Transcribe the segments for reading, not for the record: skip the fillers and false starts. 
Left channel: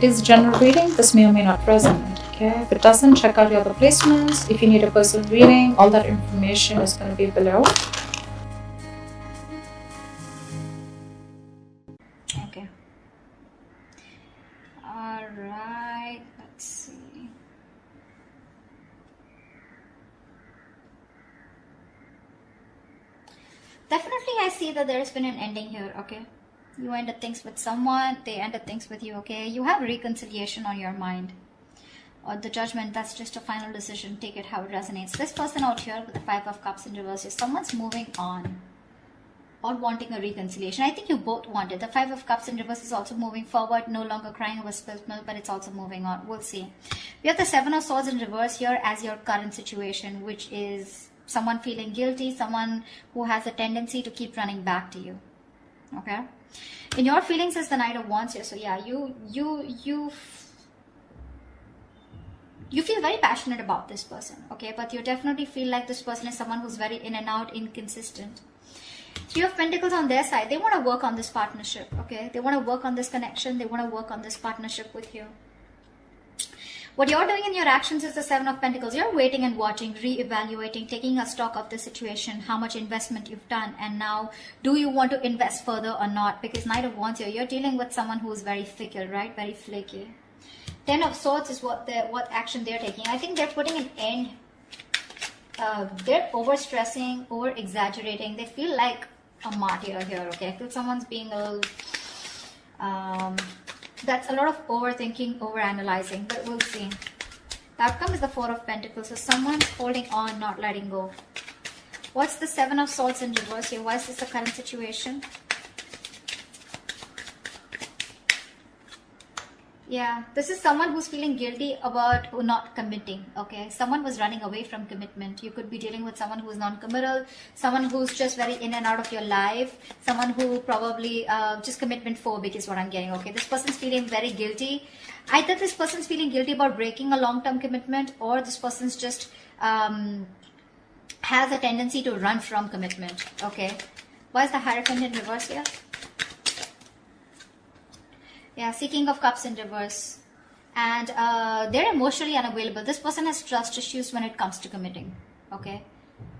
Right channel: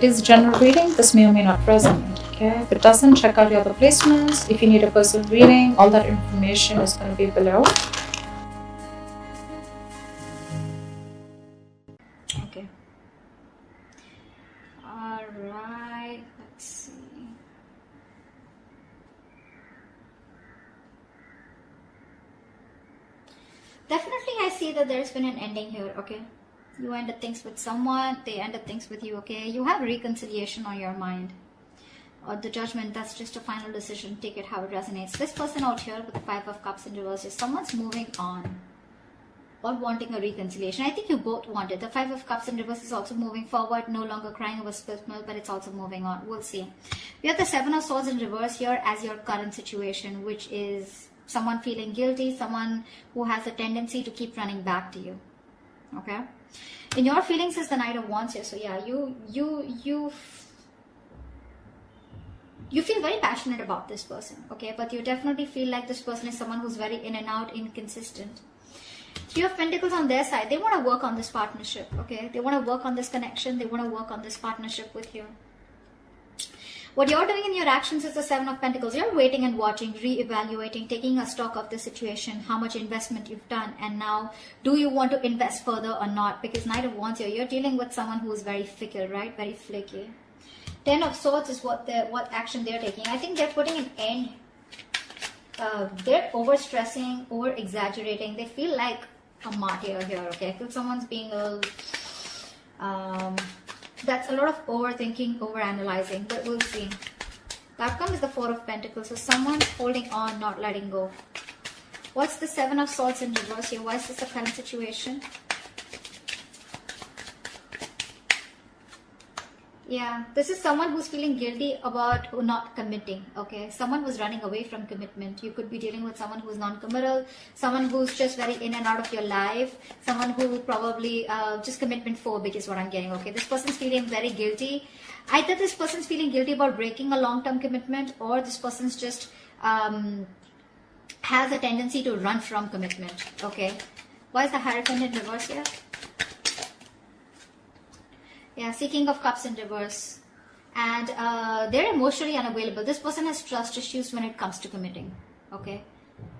It is general reading. This may or may not resonate. Okay, if it doesn't, check out your other placements. If you need a personal reading, all that information is going to be below. Okay. All right. Let's see. Definitely, I see that there's been an ending here. Okay. You ended things with someone. They ended things with you. Okay. You have reconciliation on your mind. Or the judgment, that's just a final decision. Take it how it resonates. This person out here with the 5 of Cups in reverse is someone's moving on or wanting a reconciliation. I think you both want it. The 5 of Cups in reverse is also moving forward, no longer crying over spilled milk, but it's also moving on. We'll see. We have the 7 of Swords in reverse here as your current situation, which is someone feeling guilty, someone who has a tendency to keep running back to you. Okay? In your feelings is the Knight of Wands here. So yeah, you feel very passionate about this person, okay? But you definitely feel like this person is someone who's very in and out, inconsistent. 3 of Pentacles on their side. They want to work on this partnership, okay? They want to work on this connection. They want to work on this partnership with you. What you're doing in your actions is the 7 of Pentacles. You're waiting and watching, re-evaluating, taking a stock of the situation, how much investment you've done, and now do you want to invest further or not? Because Knight of Wands here, you're dealing with someone who's very fickle, right? Very flaky. 10 of Swords is what action they're taking. I think they're putting an end. They're overstressing, over-exaggerating. They feel like a martyr here, okay? I feel someone's being a little... that's a lot of overthinking, overanalyzing, but we'll see. The outcome is the 4 of Pentacles. So someone's holding on, not letting go. What's the 7 of Swords in reverse here? Why is this the current situation? Yeah, this is someone who's feeling guilty about not committing, okay? Someone was running away from commitment. You could be dealing with someone who's non-committal, someone who's just very in and out of your life, someone who probably just commitment phobic is what I'm getting, okay? This person's feeling very guilty. Either this person's feeling guilty about breaking a long-term commitment, or this person's just has a tendency to run from commitment, okay? Why is the Hierophant in reverse here? Yeah, King of Cups in reverse. And they're emotionally unavailable. This person has trust issues when it comes to committing. Okay.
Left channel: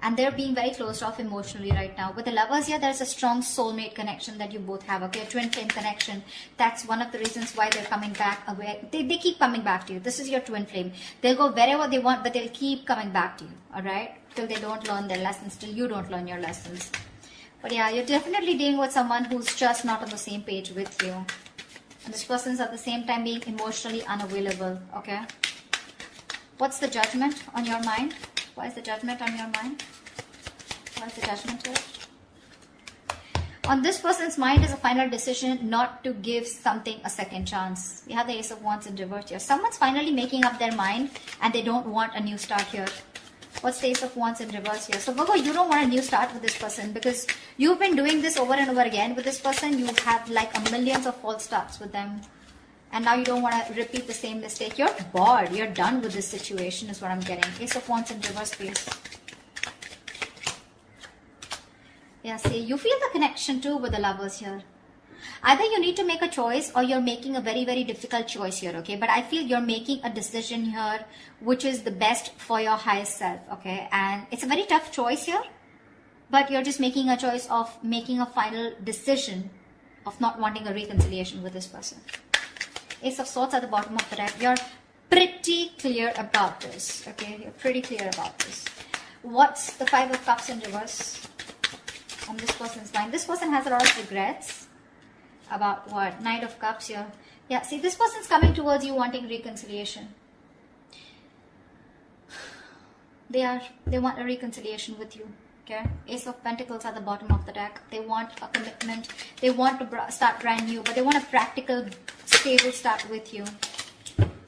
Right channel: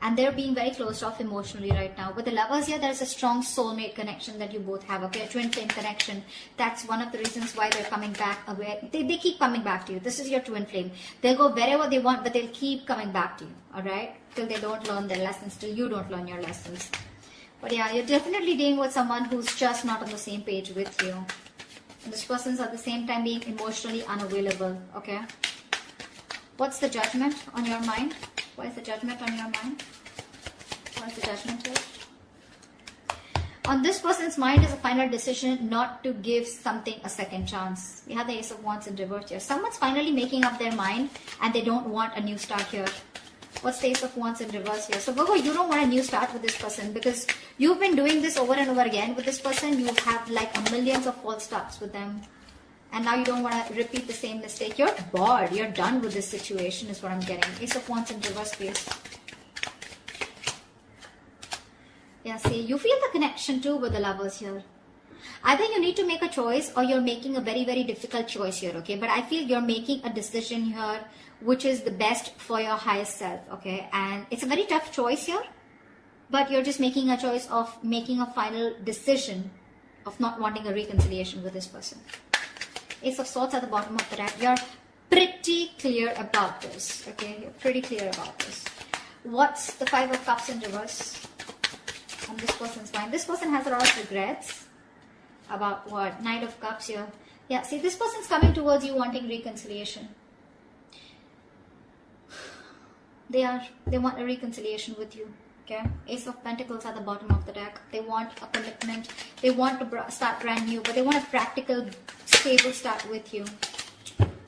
And they're being very closed off emotionally right now. With the Lovers here, there's a strong soulmate connection that you both have. Okay, a twin flame connection. That's one of the reasons why they're coming back away. They keep coming back to you. This is your twin flame. They'll go wherever they want, but they'll keep coming back to you. Alright? Till they don't learn their lessons. Till you don't learn your lessons. But yeah, you're definitely dealing with someone who's just not on the same page with you. This person's at the same time being emotionally unavailable, okay? What's the Judgment on your mind? Why is the Judgment on your mind? What's the Judgment here? On this person's mind is a final decision not to give something a second chance. We have the Ace of Wands in reverse here. Someone's finally making up their mind and they don't want a new start here. What's the Ace of Wands in reverse here? So Virgo, you don't want a new start with this person because you've been doing this over and over again with this person. You have like a millions of false starts with them. And now you don't want to repeat the same mistake. You're bored. You're done with this situation is what I'm getting. Ace of Wands in reverse space. Yeah, see, you feel the connection too with the Lovers here. Either you need to make a choice or you're making a very, very difficult choice here, okay? But I feel you're making a decision here which is the best for your highest self, okay? And it's a very tough choice here, but you're just making a choice of making a final decision of not wanting a reconciliation with this person. Ace of Swords at the bottom of the deck. You're pretty clear about this, okay? You're pretty clear about this. What's the 5 of Cups in reverse on this person's mind? This person has a lot of regrets. About what? Knight of Cups here. Yeah, see, this person's coming towards you wanting reconciliation. They want a reconciliation with you. Okay? Ace of Pentacles at the bottom of the deck. They want a commitment. They want to start brand new, but they want a practical, stable start with you.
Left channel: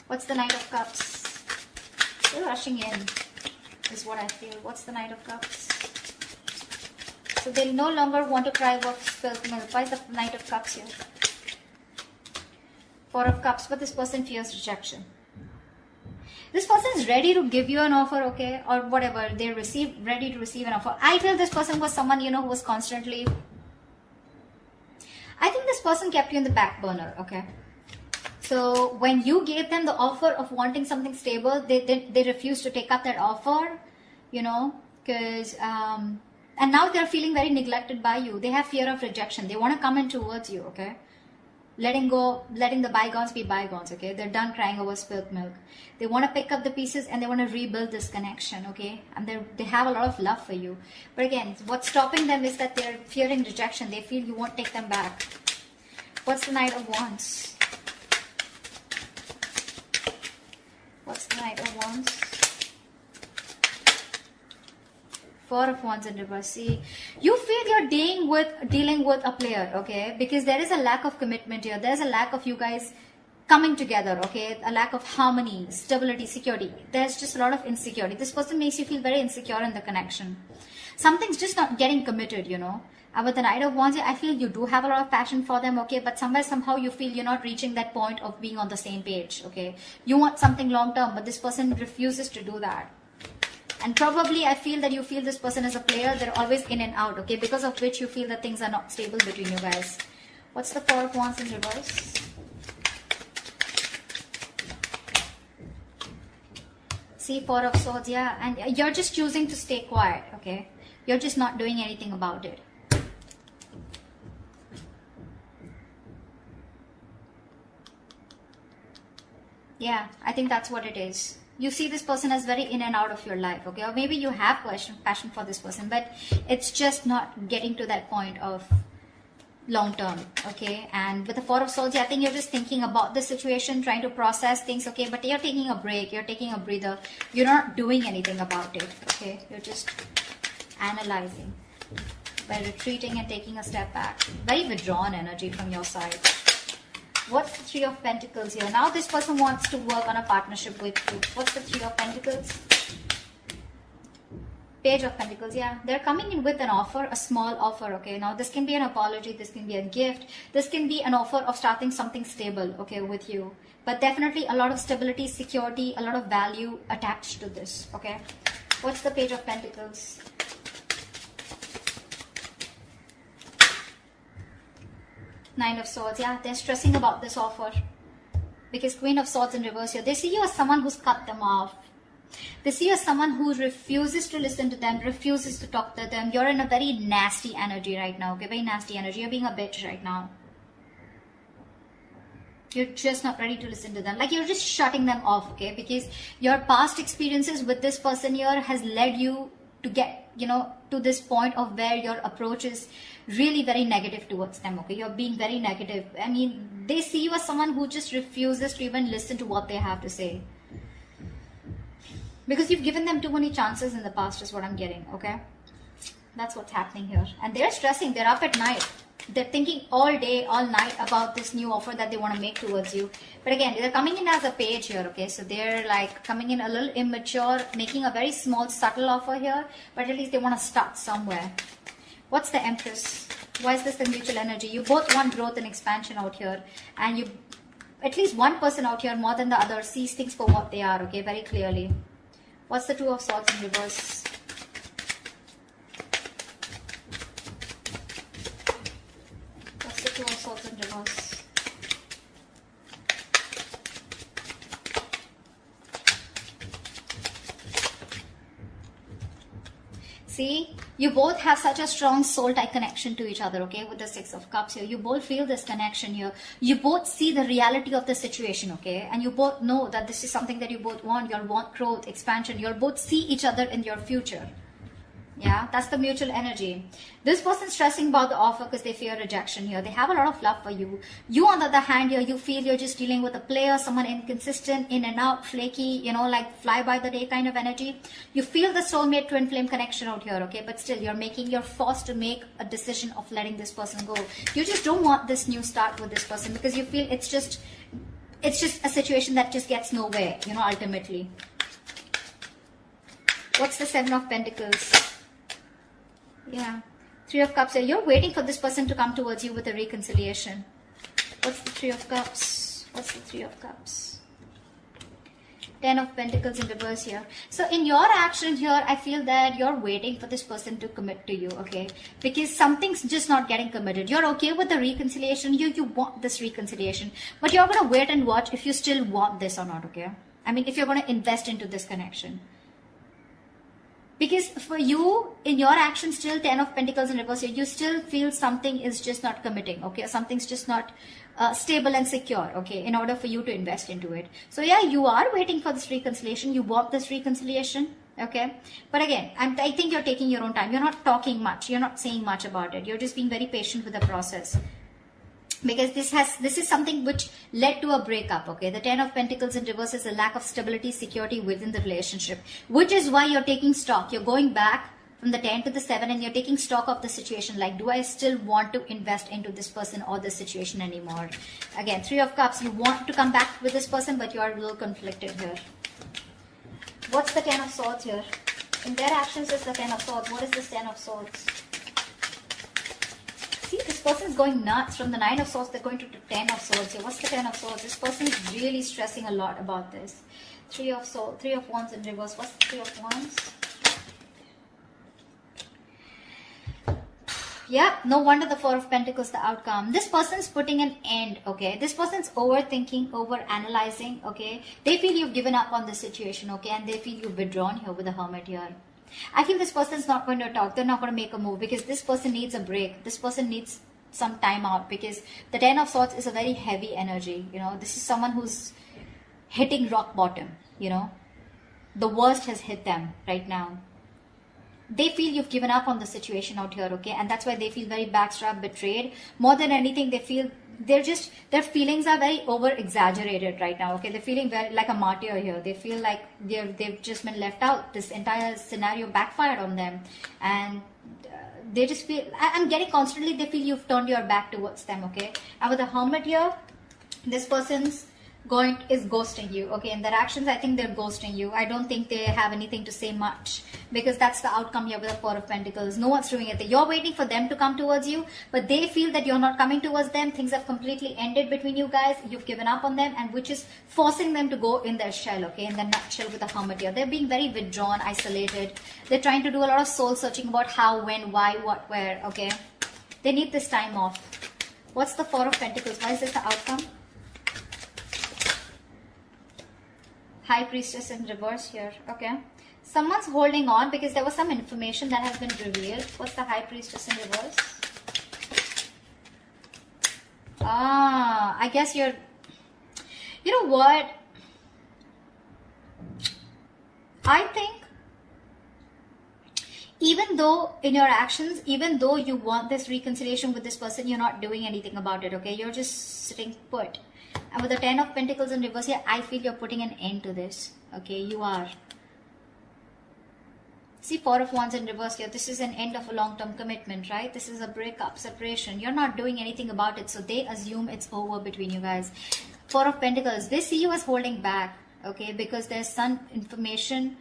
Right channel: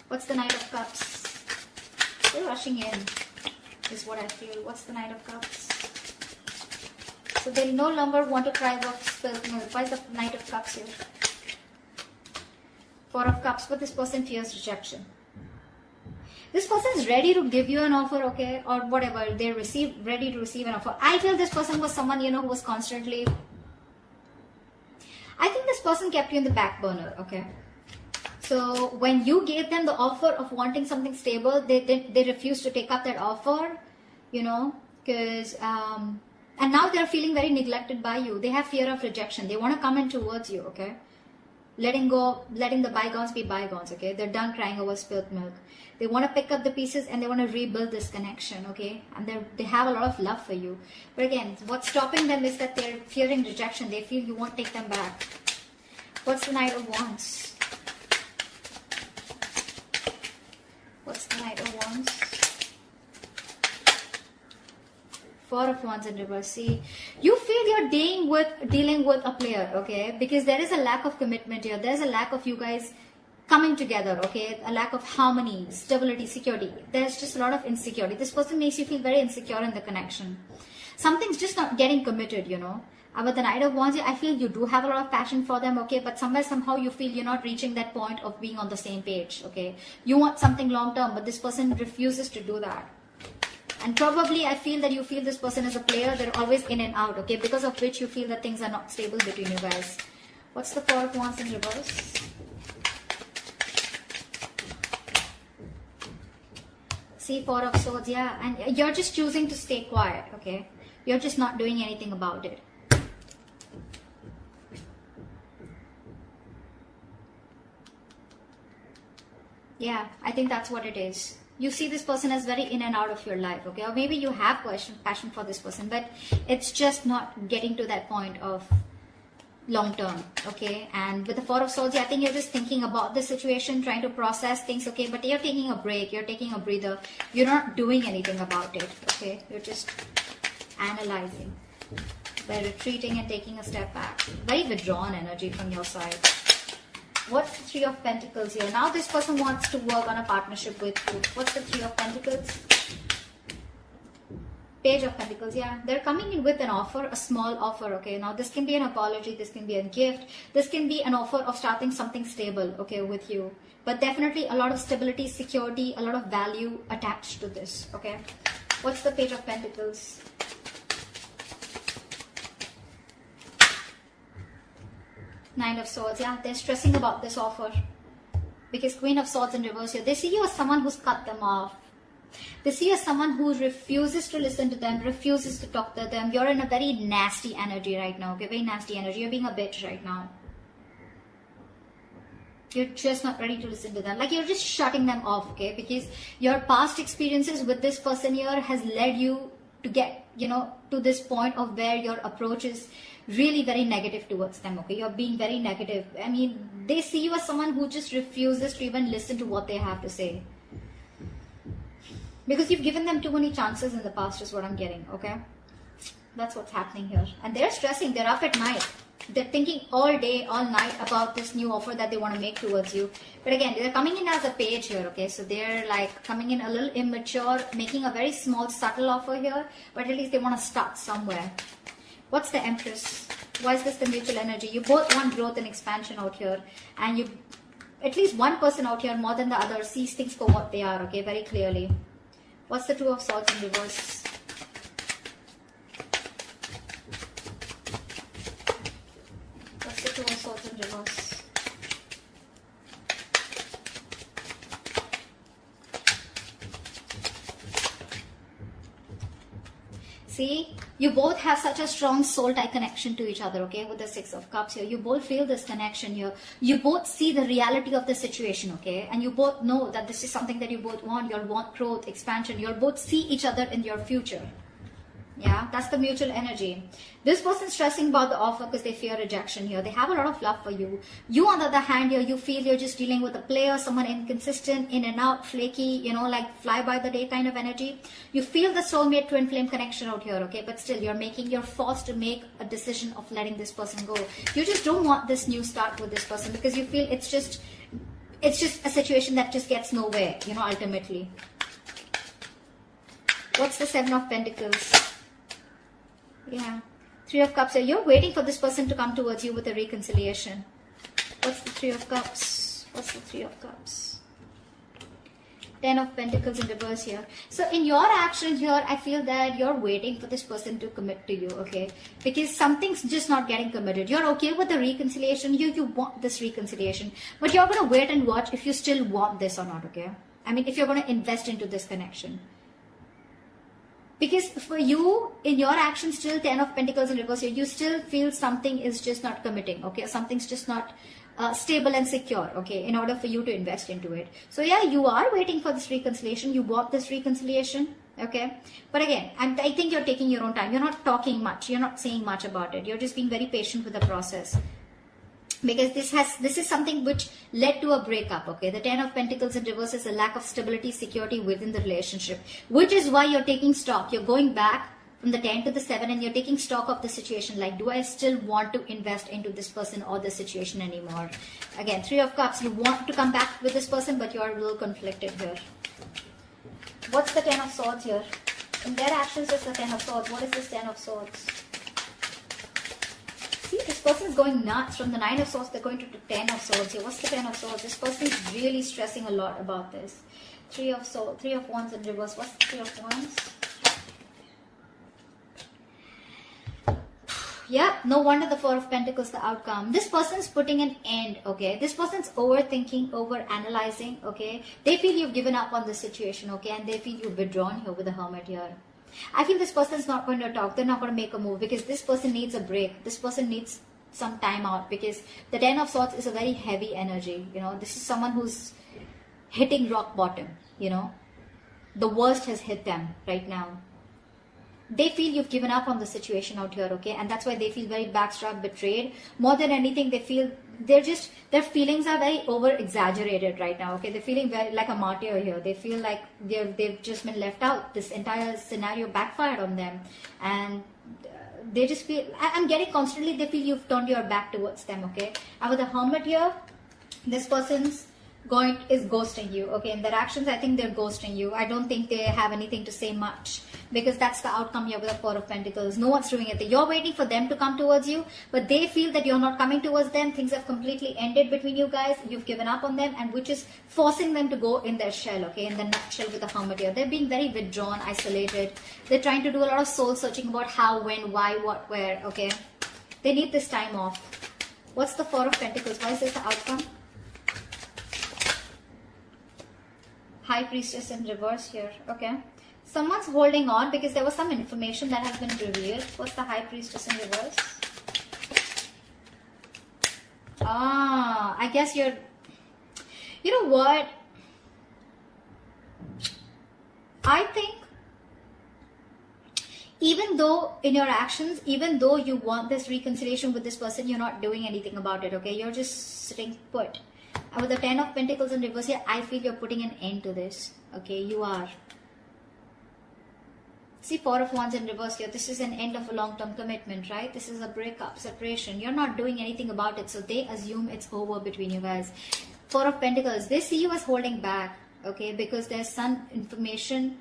What's the Knight of Cups? They're rushing in, is what I feel. What's the Knight of Cups? So they no longer want to cry over spilled milk. Why is the Knight of Cups here? 4 of Cups, but this person fears rejection. This person is ready to give you an offer, okay, or whatever. They're ready to receive an offer. I feel this person was someone, you know, who was constantly... I think this person kept you in the back burner, okay. So when you gave them the offer of wanting something stable, they refused to take up that offer, you know, because and now they're feeling very neglected by you. They have fear of rejection. They want to come in towards you, okay? Letting the bygones be bygones, okay? They're done crying over spilled milk. They want to pick up the pieces and they want to rebuild this connection, okay? And they have a lot of love for you. But again, what's stopping them is that they're fearing rejection. They feel you won't take them back. What's the Knight of Wands? What's the Knight of Wands? Four of Wands in reverse. See, you feel you're dealing with a player, okay? Because there is a lack of commitment here. There's a lack of you guys coming together, okay? A lack of harmony, stability, security. There's just a lot of insecurity. This person makes you feel very insecure in the connection. Something's just not getting committed, you know? But the Knight of Wands, I feel you do have a lot of passion for them, okay? But somehow you feel you're not reaching that point of being on the same page, okay? You want something long term, but this person refuses to do that. And probably I feel that you feel this person is a player. They're always in and out, okay? Because of which you feel that things are not stable between you guys. What's the Four of Wands in reverse? See, Four of Swords, yeah. And you're just choosing to stay quiet, okay? You're just not doing anything about it. Yeah, I think that's what it is. You see this person as very in and out of your life, okay? Or maybe you have passion for this person, but it's just not getting to that point of long term, okay? And with the Four of Swords, I think you're just thinking about the situation, trying to process things, okay? But you're taking a break, you're taking a breather. You're not doing anything about it, okay? You're just analyzing by retreating and taking a step back. Very withdrawn energy from your side. What's the Three of Pentacles here? Now this person wants to work on a partnership with you. What's the Three of Pentacles? Page of Pentacles, yeah. They're coming in with an offer, a small offer, okay? Now this can be an apology, this can be a gift, this can be an offer of starting something stable, okay, with you. But definitely a lot of stability, security, a lot of value attached to this, okay? What's the Page of Pentacles? Nine of Swords, yeah, they're stressing about this offer. Because Queen of Swords in reverse here, they see you as someone who's cut them off. They see you as someone who refuses to listen to them, refuses to talk to them. You're in a very nasty energy right now, okay? Very nasty energy. You're being a bitch right now. You're just not ready to listen to them. Like, you're just shutting them off, okay? Because your past experiences with this person here has led you to get, you know, to this point of where your approach is really very negative towards them, okay? You're being very negative. I mean, they see you as someone who just refuses to even listen to what they have to say. Because you've given them too many chances in the past is what I'm getting, okay? That's what's happening here. And they're stressing. They're up at night. They're thinking all day, all night about this new offer that they want to make towards you. But again, they're coming in as a page here, okay? So they're like coming in a little immature, making a very small, subtle offer here. But at least they want to start somewhere. What's the Empress? Why is this the mutual energy? You both want growth and expansion out here. And you, at least one person out here more than the other, sees things for what they are, okay? Very clearly. What's the Two of Swords in reverse? What's the Two of Swords in reverse? See, you both have such a strong soul-tie connection to each other, okay? With the Six of Cups here, you both feel this connection here. You both see the reality of the situation, okay? And you both know that this is something that you both want. You want growth, expansion. You both see each other in your future. Yeah, that's the mutual energy. This person's stressing about the offer because they fear rejection here. They have a lot of love for you. You, on the other hand, here, you feel you're just dealing with a player, someone inconsistent, in and out, flaky, you know, like fly by the day kind of energy. You feel the soulmate twin flame connection out here, okay? But still, you're forced to make a decision of letting this person go. You just don't want this new start with this person because you feel it's just a situation that just gets nowhere, you know, ultimately. What's the Seven of Pentacles? Yeah, Three of Cups. So you're waiting for this person to come towards you with a reconciliation. What's the Three of Cups? What's the Three of Cups? Ten of Pentacles in reverse here. So in your action here, I feel that you're waiting for this person to commit to you, okay? Because something's just not getting committed. You're okay with the reconciliation. You want this reconciliation. But you're going to wait and watch if you still want this or not, okay? I mean, if you're going to invest into this connection. Because for you, in your action, still 10 of Pentacles in reverse, you still feel something is just not committing, okay? Something's just not stable and secure, okay, in order for you to invest into it. So yeah, you are waiting for this reconciliation. You want this reconciliation, okay? But again, I think you're taking your own time. You're not talking much. You're not saying much about it. You're just being very patient with the process. Because this is something which led to a breakup, okay? The 10 of Pentacles in reverse is a lack of stability, security within the relationship, which is why you're taking stock. You're going back from the 10 to the 7 and you're taking stock of the situation. Like, do I still want to invest into this person or this situation anymore? Again, 3 of Cups. You want to come back with this person, but you are a little conflicted here. What's the 10 of Swords here? In their actions, it's the 10 of Swords. What is this 10 of Swords? See, this person is going nuts. From the 9 of Swords, they're going to the 10 of Swords here. What's the 10 of Swords? This person is really stressing a lot about this. 3 of Swords, 3 of Wands in reverse. What's the 3 of Wands? Yeah, no wonder the 4 of Pentacles, the outcome. This person's putting an end, okay? This person's overthinking, overanalyzing, okay? They feel you've given up on this situation, okay? And they feel you've withdrawn here with the Hermit here. I feel this person's not going to talk. They're not going to make a move because this person needs a break. This person needs some time out because the 10 of Swords is a very heavy energy, you know? This is someone who's hitting rock bottom, you know? The worst has hit them right now. They feel you've given up on the situation out here, okay? And that's why they feel very backstabbed, betrayed. More than anything, they feel their feelings are very over exaggerated right now, okay? They're feeling very like a martyr here. They feel like they've just been left out. This entire scenario backfired on them, and they just feel. I'm getting constantly. They feel you've turned your back towards them, okay? And with the Hermit here, this person's is ghosting you, okay? In their actions, I think they're ghosting you. I don't think they have anything to say much because that's the outcome here with the 4 of Pentacles. No one's doing anything. You're waiting for them to come towards you, but they feel that you're not coming towards them. Things have completely ended between you guys. You've given up on them, and which is forcing them to go in their shell, okay? In the nutshell with the Hermit here. They're being very withdrawn, isolated. They're trying to do a lot of soul searching about how, when, why, what, where, okay? They need this time off. What's the 4 of Pentacles? Why is this the outcome? High Priestess in reverse here, okay? Someone's holding on because there was some information that has been revealed. What's the High Priestess in reverse? I guess you're... You know what? I think even though in your actions, even though you want this reconciliation with this person, you're not doing anything about it, okay? You're just sitting put. And with the 10 of Pentacles in reverse here, I feel you're putting an end to this. Okay, you are. See, 4 of Wands in reverse here. This is an end of a long-term commitment, right? This is a breakup, separation. You're not doing anything about it, so they assume it's over between you guys. 4 of Pentacles, they see you as holding back, okay? Because there's some information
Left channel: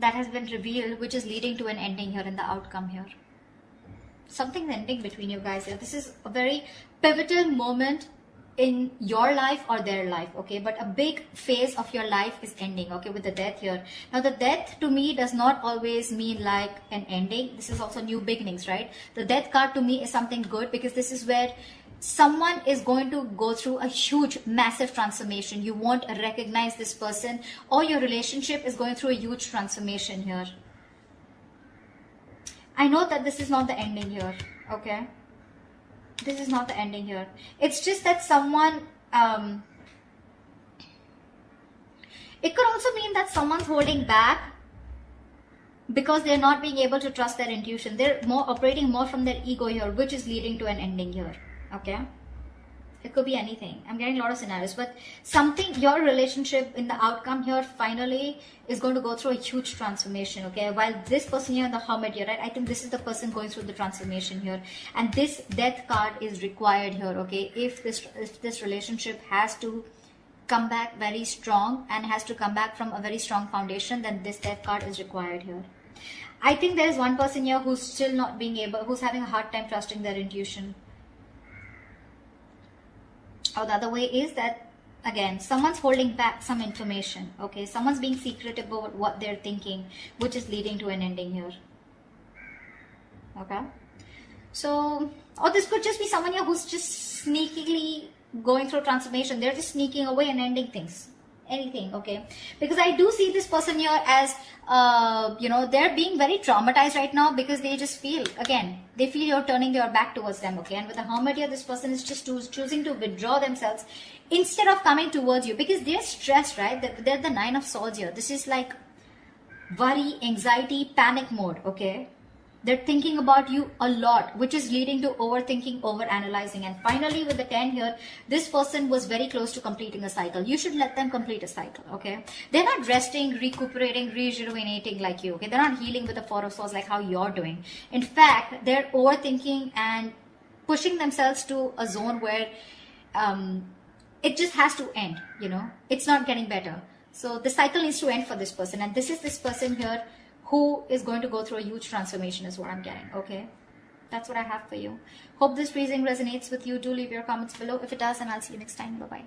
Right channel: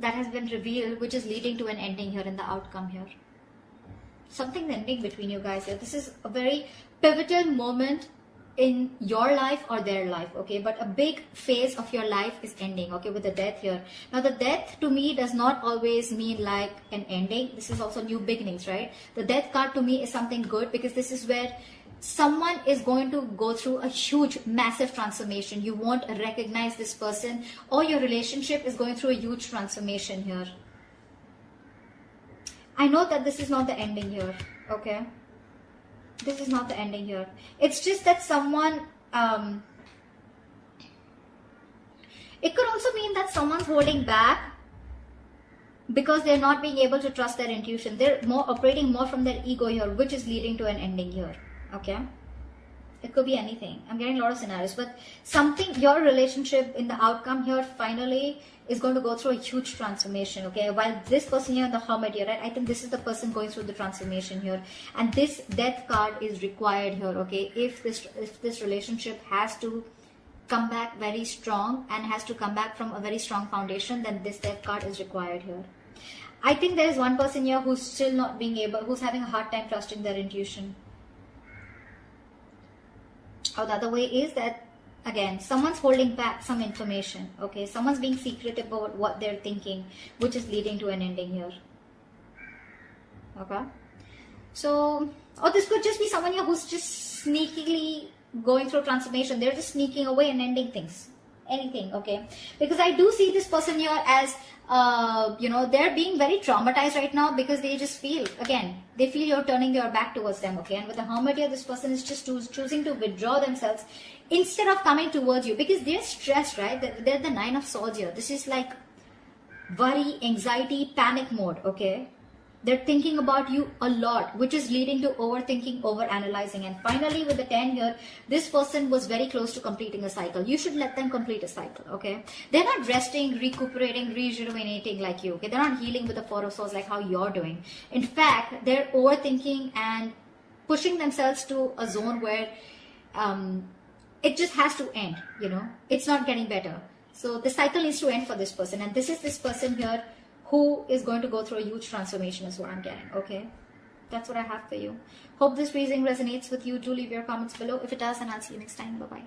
that has been revealed, which is leading to an ending here in the outcome here. Something's ending between you guys here. This is a very pivotal moment in your life or their life, okay? But a big phase of your life is ending, okay, with the Death here. Now, the Death to me does not always mean like an ending. This is also new beginnings, right? The Death card to me is something good because this is where someone is going to go through a huge, massive transformation. You won't recognize this person, or your relationship is going through a huge transformation here. I know that this is not the ending here, okay? This is not the ending here. It's just that someone, it could also mean that someone's holding back because they're not being able to trust their intuition. They're operating more from their ego here, which is leading to an ending here. Okay? It could be anything. I'm getting a lot of scenarios, but something, your relationship in the outcome here finally is going to go through a huge transformation, okay? While this person here, the Hermit here, right? I think this is the person going through the transformation here. And this Death card is required here, okay? If this relationship has to come back very strong and has to come back from a very strong foundation, then this Death card is required here. I think there's one person here who's still not being able, who's having a hard time trusting their intuition. Or the other way is that again, someone's holding back some information, okay? Someone's being secretive about what they're thinking, which is leading to an ending here. Okay? So, or this could just be someone here who's just sneakily going through transformation. They're just sneaking away and ending things. Anything, okay? Because I do see this person here as, they're being very traumatized right now because they just feel, again, they feel you're turning your back towards them, okay? And with the Hermit here, this person is just choosing to withdraw themselves instead of coming towards you because they're stressed, right? They're the Nine of Swords here. This is like worry, anxiety, panic mode, okay? They're thinking about you a lot, which is leading to overthinking, overanalyzing. And finally, with the 10 here, this person was very close to completing a cycle. You should let them complete a cycle, okay? They're not resting, recuperating, rejuvenating like you, okay? They're not healing with the Four of Swords like how you're doing. In fact, they're overthinking and pushing themselves to a zone where it just has to end, It's not getting better. So the cycle needs to end for this person. And this is this person here who is going to go through a huge transformation is what I'm getting, okay? That's what I have for you. Hope this reading resonates with you. Do leave your comments below. If it does, then I'll see you next time. Bye-bye.